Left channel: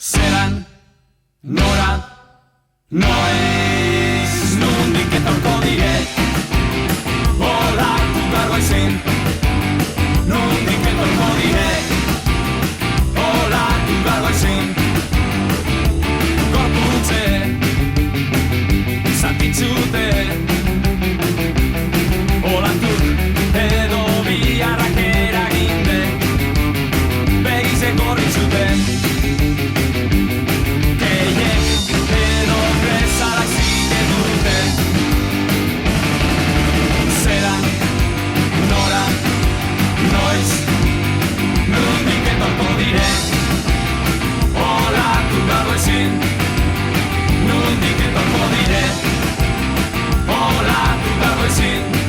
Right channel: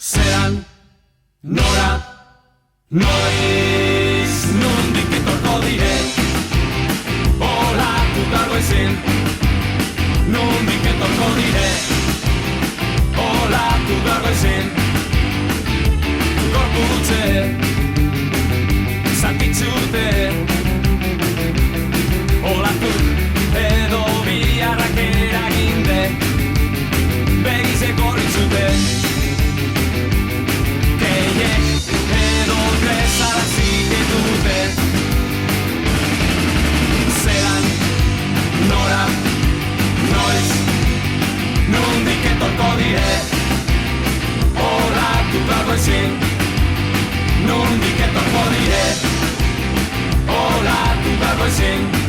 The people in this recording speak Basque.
Zeran, nora, noiz, nondik etorko dire, olatu dargo izen, nondik etorko dire, olatu dargo izen, gorputze, zatitzute, olatu edo biharrak eraginde, begize gorritzute. Nondik etorko dire, olatu dargo ezin.